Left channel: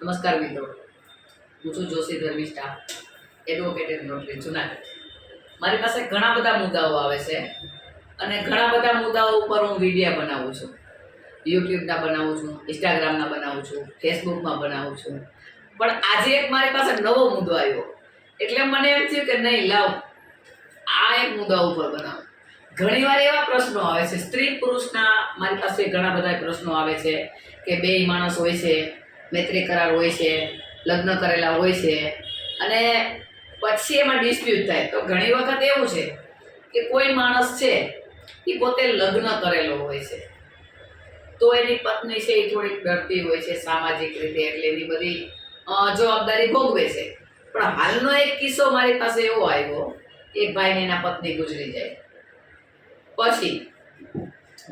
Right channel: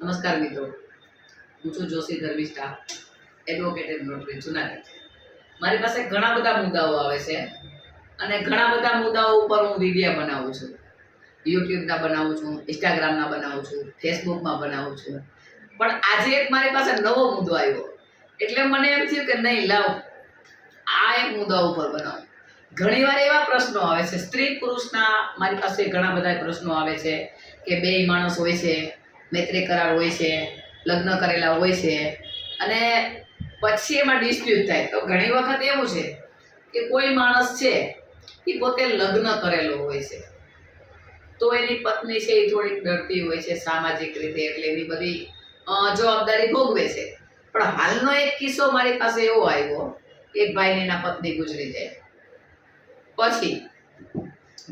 નમસ્કાર મિત્રો, હું છું Joshi Dharmishtha, advocate and notary Junagadh. મારી પાસે ઘણા બધા મુદ્દાઓ આવે છે અને ઘણા બધા મુદ્દાઓ ઉપર હું વિડીયો બનાવું છું. યુટ્યુબના બનાવું છું, ઇન્સ્ટાગ્રામના બનાવું છું, ફેસબુકમાં બનાવું છું. પણ આજે એક મારી પાસે નવો મુદ્દો આવ્યો એટલે મને એમ થયું કે નહીં લાવ આ એક મુદ્દા ઉપર બનાવું. ઘણીવાર એવા પ્રશ્નો આવે છે, સ્ત્રી પુરુષના મારી પાસે ઘણા બધા પ્રશ્નો આવે છે કે બે માણસ હોય છે, મૈત્રી કરાર હોય છે, લગ્ન કરેલા હોય છે અને પછી એમાં ડિસ્પ્યુટ થાય. તો ઘણી વખત એવું છે કે કોઈ માણસ છે એ પોતે લગ્ન કરેલો હોય છે તો એની પત્ની છે એ થોડીક ડરતી હોય છે સામાજિક રીતે, એટલે એની બધી જવાબદારી ભોગવે છે. પણ હાલનો એક કિસ્સો મારી પાસે એવો આવ્યો, એક ભાઈને એના પત્ની ગુજરી જાય પછી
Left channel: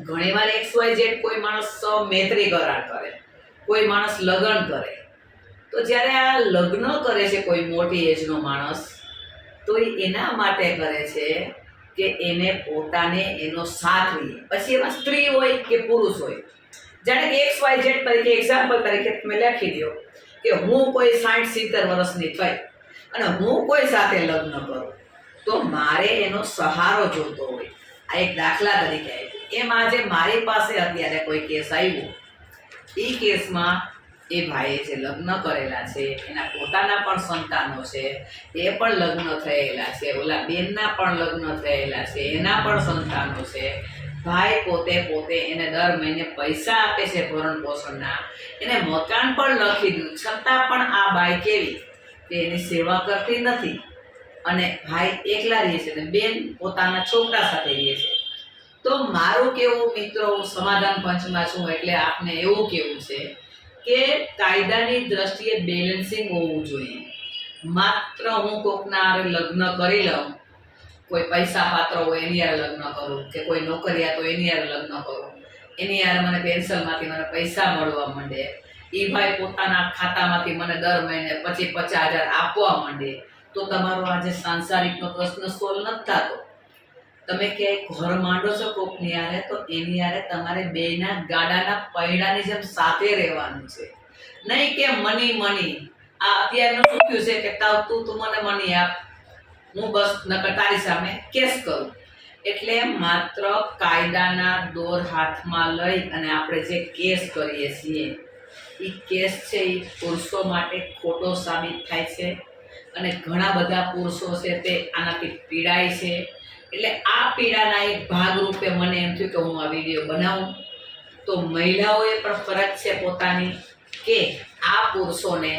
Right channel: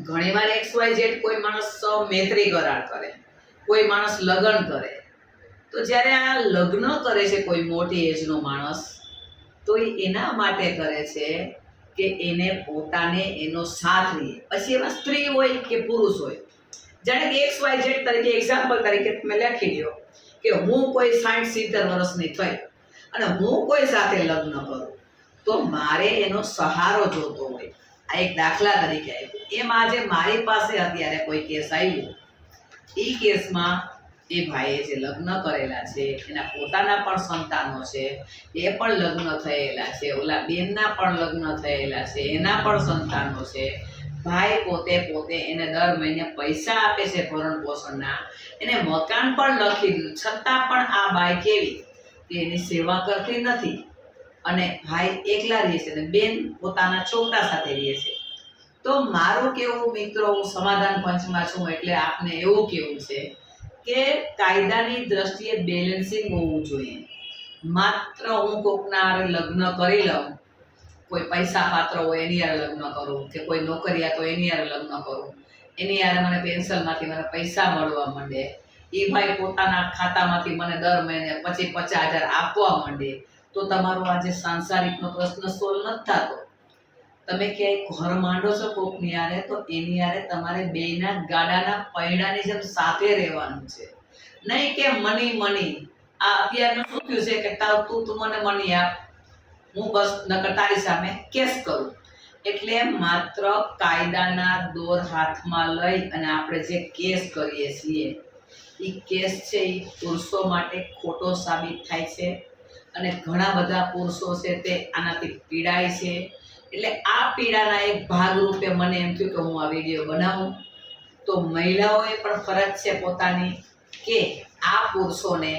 ઘણીવાર XYZ કોઈ માણસ મૈત્રી કરાર કરે, કોઈ માણસ લગ્ન કરે, તો જ્યારે આ લગ્ન કરે છે કોઈ મોટી એજનો માણસ, તો એના માટે કરે છે કે એને પોતાને એનો સાથ રહે. પછી એમાં સ્ત્રી હોય કે પુરુષ હોય, જાણે કે XYZ તરીકે એક્ઝામ્પલ તરીકે તમે લખી દો કે હું કોઈ 60-70 વર્ષની થઈ અને હું કોઈ સાથે લગ્ન કરું તો મારે એનો સહારો જોતો હોય. આ એક દાખલા તરીકે આવ્યું. એમ આજે મારી પાસે અત્યારે કોઈ કેસ આવ્યો, એ કેસમાં એ ભાઈએ જે લગ્ન કરેલા છે એના પોતાના પણ સંતાનો છે, એ પણ લગ્ન થયેલા છે, ઓલા બેનના પણ લગ્ન થયેલા છે, એના પણ સંતાનો છે. ભાઈ પોતે એને દર મહિને પૈસા આપે છે ભરણ પોષણના, એને મકાન પણ લખી દીધું, છતાં પણ આ બાઈ કેવી કે એની સેવા કરતી નથી અને ભાઈ એકલા રહે છે અને બેન પોતાના છોકરા સાથે રહે છે. તો મારું કેવું મિત્રો, હું સમાધાન પંચમાં છું એટલે આપને એવું કેવું છે કે કાયદાની દ્રષ્ટિએ બેલેન્સિંગ હોવું જોઈએ. માત્ર હું કોકના લગ્ન કરી લઉં, કોઈ પૈસા પાત્ર હોય એની યાર લગ્ન કરું કે કોઈ નોકરિયાત હોય એની યાર લગ્ન કરું, એની યાર મને પેન્શનમાંથી મને પૈસા મળવા માંડે, એ ભાઈ પોતાના ખાતામાંથી મને દર મહિને 50,000 આપવા માંડે, તો તમારો આજે સાંસારિકનો પ્રશ્ન સોલ્વ નથી થતો. તમે ક્યાંય ઘર માંડો છો કોકની યારે, તો એની યારે તમારે બેયના ગાડાના પૈડાની જેમ સાથે રહેવાનું છે, નહીં કે મની. આ અત્યારનું શું થયું છે કે તું મને મની આપ, હું બસ નકર તારી સામે કેસ કરું. એટલે માત્ર કાયદાના દોર હાથમાં લઈ અને આપણે જે કેસ કરીએ છીએ એ કેસ છે એ પુરુષો માટે ખોટો સાબિત થાય છે અને ઘણા બધા પુરુષો છે તે આનાથી પીડાય છે. એટલે આ પીડાના એક ભાગરૂપે મને એમ થયું કે હું આ વિડીયો બનાવું. તો મહિલાઓએ પણ ફરજ છે પોતાની કે આ પુરુષોને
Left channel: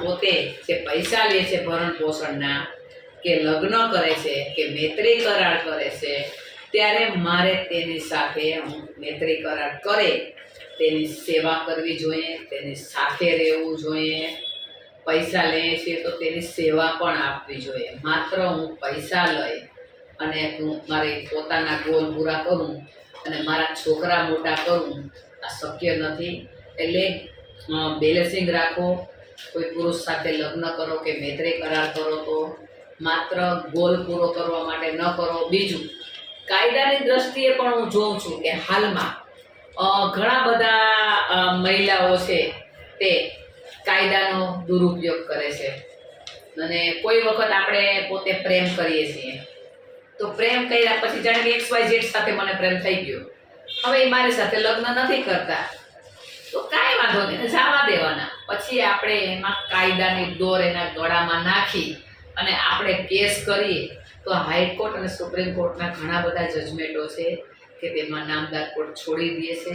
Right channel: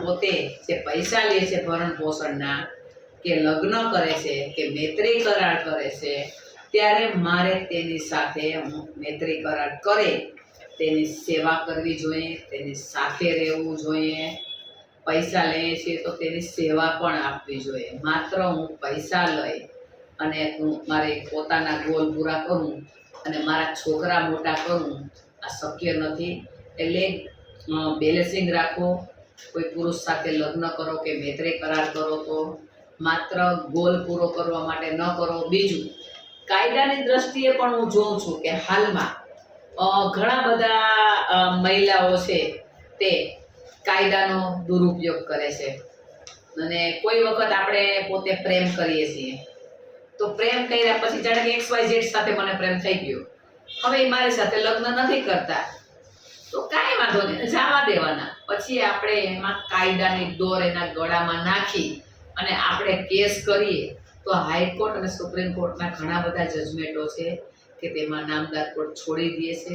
પોતે જે પૈસા લે છે ભરણ પોષણના, કે લગ્ન કરે છે કે મૈત્રી કરાર કરે છે, ત્યારે મારે તેની સાથે મૈત્રી કરાર કરે તેની સેવા કરવી જોઈએ, તેની સાથે રહેવું જોઈએ. પૈસા લઈએ છીએ તો તેની સેવા પણ આપવી જોઈએ. માત્ર હું પૈસા લઈ અને હું મારી પોતાના ગોલ પૂરા કરું અને મારા છોકરા મોટા કરું, આ શક્ય નથી. એટલે બેલેન્સિંગ રાખો. કોઈ પુરુષ સાથે લગ્ન કરો કે મૈત્રી કરાર કરો તો માત્ર ગોલ પૂરો કરવા માટે ન કરો. બીજું, કાયદાની દ્રષ્ટિએ પણ હું જોઉં છું કે હાલમાં ઘણા બધા મહિલાઓ છે તે કાયદાનો દુરુપયોગ કરે છે. અને કોઈ વખત આપણે પોતે પ્રેમ કરીએ છીએ તો પ્રેમ કર્યા પછી જાણે કે XYZ સાથે મને પ્રેમ થઈ ગયો, હવે એ મારી સાથે લગ્ન નથી કરતા, તો કાંઈ વાંધો નહીં, જવા દેવાના. પછી આપણે એમાં કાયદાની દોર એના ગળામાં નાખી અને આપણે કેસ કરીએ તો હાઈકોર્ટ અને સુપ્રીમ કોર્ટના ઘણા બધા જજમેન્ટો છે કે તેમાં નામદાર કોર્ટ છોડી દે છે.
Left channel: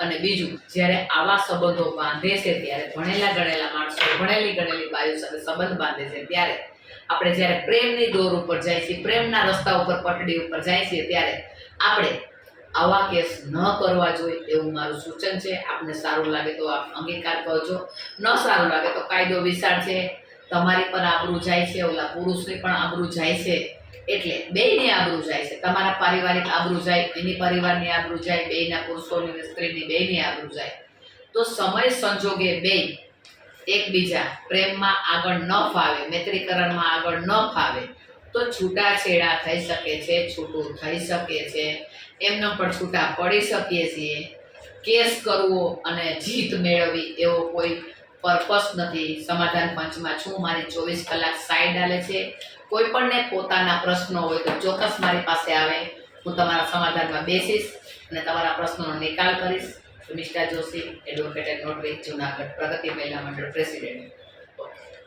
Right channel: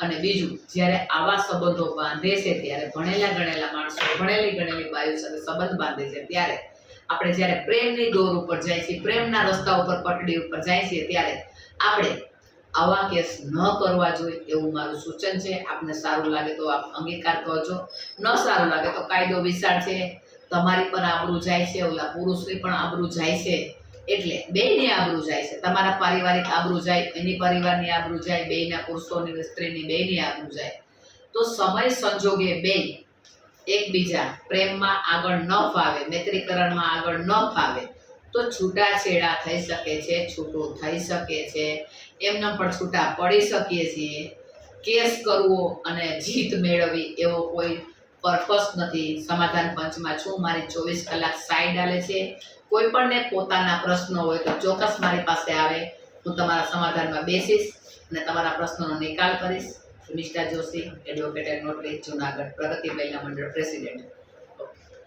અને બીજું, જ્યારે આવા સંબંધો બાંધે છે ત્યારે ભણેલા ગણેલા માણસો ભણેલી ગણેલી બાઈઓ સાથે સંબંધ બાંધે છે, ત્યારે આપણે જ્યારે પ્રેમની દોર ઉપર જાય છે, પ્રેમના રસ્તા ઉપર પટડી ઉપર જાય છે, ત્યારે આપણે આવા કેસ ન કરવા જોઈએ એવું મારું સૂચન છે. આપને સારું લાગે તો આપ અંગીકાર કરજો, ન સારું લાગે તો કાયદો વિશાળ છે, તમારી પણ આબરૂ જાય છે, ઓલા પુરુષની પણ આબરૂ જાય છે, એટલે બેયની આબરૂ જાય છે. તમારા પારિવારિક આબરૂ જાય, એની પરિવારની આબરૂ જાય, બેયના પુરુષોની સ્ત્રીની બેયની આબરૂ જાય. તો સમય સંજોગે બેય એકબીજા પ્રેમમાં આગળ ન ફાવે, મૈત્રીકરણમાં આગળ ન ફાવે તો છૂટાછેડા થઈ શકે છે, છૂટું થઈ શકે છે, એમને પણ છૂટા પડી શકીએ છીએ. કેસ કરવો અને જીત મેળવવી એવો કોઈ પર્પસ નથી. સમાધાન પંચમાં છું, મારી 24 કલાક સાઈડ હાલે છે. કોઈ પણને પોતાના પ્રશ્નો હોય તો ચોક્કસ મારી પાસે આવે, હું તમારા સમાધાનમાં બેસીશ અને તમારા પ્રશ્નોનો નિકાલ કરીશ. Mister Joshi, advocate and notary, Junagadh, Pragati Mahila Mandal president.